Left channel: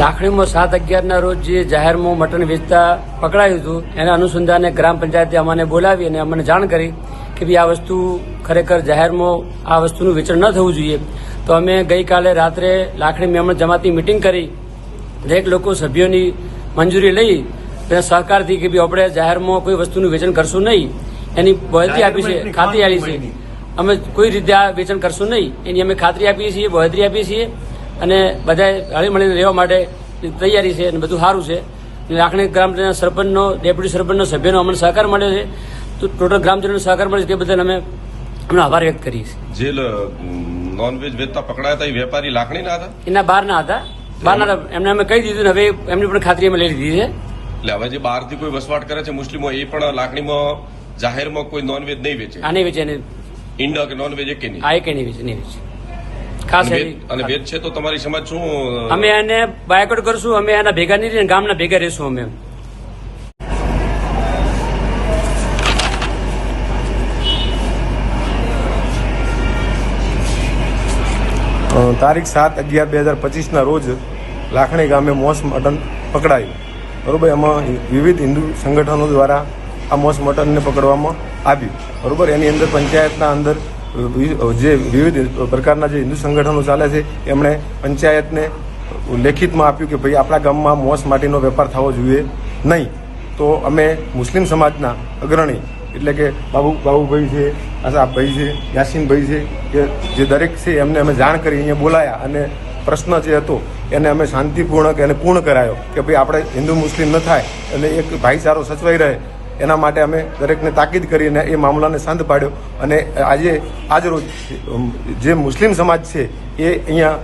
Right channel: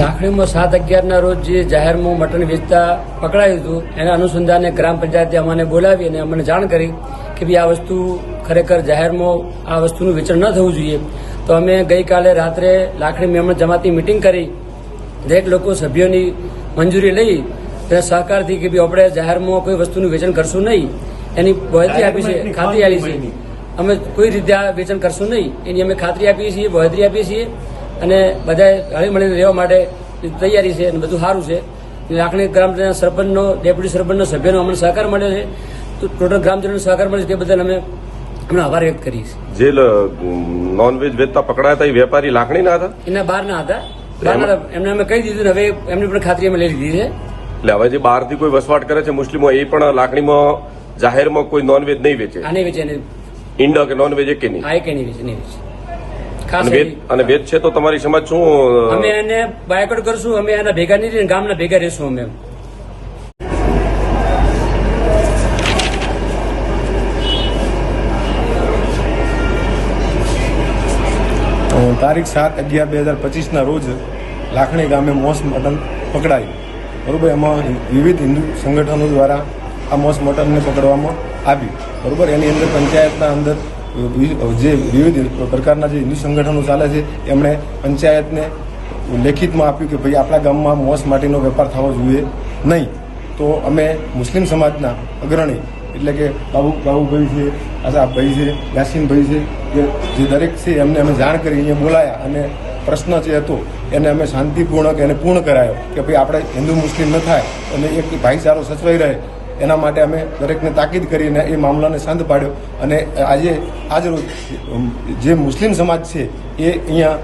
લાખણીમાં સાત અગિયારના રોજ જે જાહેરમાં મટન વેચતા પકડાયું હતું એના અનુસંધાને ગ્રામ પંચાયતે અમને બોલાવી અને અમને જાણ કરી કે ભાઈ આ વસ્તુ ખરેખર જાહેરમાં આ વસ્તુનું વેચાણ ન થવું જોઈએ. તો અમે ગઈકાલે રાત્રે લાખણી મેમણ જમાતી મિટિંગ કરી દરેક લોકો સભ્યોની મંજૂરી લઈ અને સહકારથી કે ભાઈ આપણે જાહેરમાં કોઈ વસ્તુનું વેચાણ કરશું નહીં. એની બહેતરી આપી છે ખાતરી આપી છે. અમે કોઈ રીતે આ વેચાણ કરશું નહીં. એની અમે ખાતરી આપીએ છીએ બહેતરી આપીએ છીએ. અને બધા હળી મળીને રહેવા માટે તૈયારી છે અને બધું સારું છે. લાખણી ગ્રામ સરપંચનો ડેપ્યુટી સરપંચનો સભ્યનો અમને સહકાર મળ્યો છે. તો ટોટલ ગ્રામજનોનો સહકાર મળ્યો છે તે બદલ અમે એમનો આભાર વ્યક્ત કરીએ છીએ. જે નોનવેજ વેચતા પકડાયા હતા એ વેપારી લાકડીના હતા? એના બહાર ના હતા. બહાર ના હતા. એમને અમે કહી દીધું ને હવે એમની પણ ખાતરી અમે લઈ લીધી છે. એટલે હવે જે બહારથી કોઈ વસવાટ કરે છે મુસ્લિમો એ પણ લાકડીમાં જાહેરમાં કોઈ નોનવેજ નહીં વેચે? આને વેચે એને ઈંડા કે નોનવેજ એક નહીં? આ એક નહીં વેચે નહીં વેચે. ખાસ અને વેચ છે તો તમારી સમાજ શું અમે એને બાયકોટ કરશું અમે એના ભેગા નહીં રહીને ગામના ભેગા રહેશું અમે. તારીખ સાત અગિયાર બે હજાર પચીસના રોજ લાખણી ગામે મોસ મટન પકડાયું. બરોબર એમાં વિવિધ હિન્દુ સંગઠનો દ્વારા આ મોસ મટનને પકડવામાં આવ્યું. બરોબર એની અંદર પંચાયતના અંદર જે વિવિધ પ્રકારના જે હિન્દુ સંગઠનો ચાલે છે, એમણે પંચાયતને લેખિતમાં આપ્યું કે ભાઈ આપણા ગામમાં મોસ માટીનો વેપાર થવો જોઈએ નહીં. તો અમે મુસ્લિમ સમાજના અગ્રણી, એટલે કે બાબુ, બાબુભાઈ છે આસાફભાઈ છે, યાસીનભાઈ છે, કે જે દરેક છે, એમને અમે જાણ કરી, અહીંયા બોલાયા અને પ્રશ્ન જે હતો, એને અમે શાંતિપૂર્ણક એને પૂર્ણ કરાયો કે ભાઈ આપણે હિન્દુ મુસ્લિમ ન થાય અને એક ભાઈચારો સચવાઈ રહે. એના માટે અમે દરેકને તાકીદ કરીને એ મામલાને શાંત પાડ્યો અને આજે આજરોજ જે મુસ્લિમ સમાજ છે, એ અહીંયા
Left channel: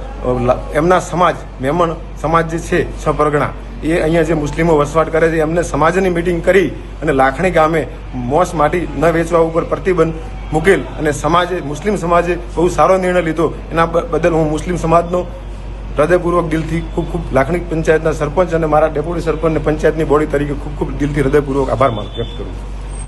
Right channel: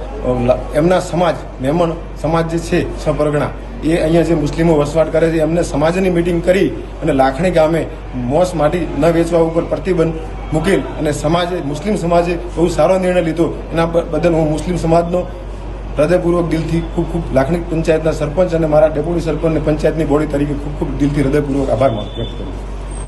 એમના સમાજ, મેમણ સમાજ જે છે, સપરગણા, એ અહીંયા જે મુસ્લિમો વસવાટ કરે છે, એમને સમાજની મિટિંગ કરી અને લાખણી ગામે મોસ માટી ન વેચવા ઉપર પ્રતિબંધ મૂકેલ અને સમાજે, મુસ્લિમ સમાજે બહુ સારો નિર્ણય લીધો. એના બદલ હું મુસ્લિમ સમાજનો હૃદયપૂર્વક દિલથી ખૂબ ખૂબ લાખણી પંચાયતના સરપંચ અને મારા ડેપ્યુટી સરપંચ અને પંચાયતની બોડી તરીકે ખૂબ ખૂબ દિલથી હૃદયપૂર્વક આભાર વ્યક્ત કરું છું.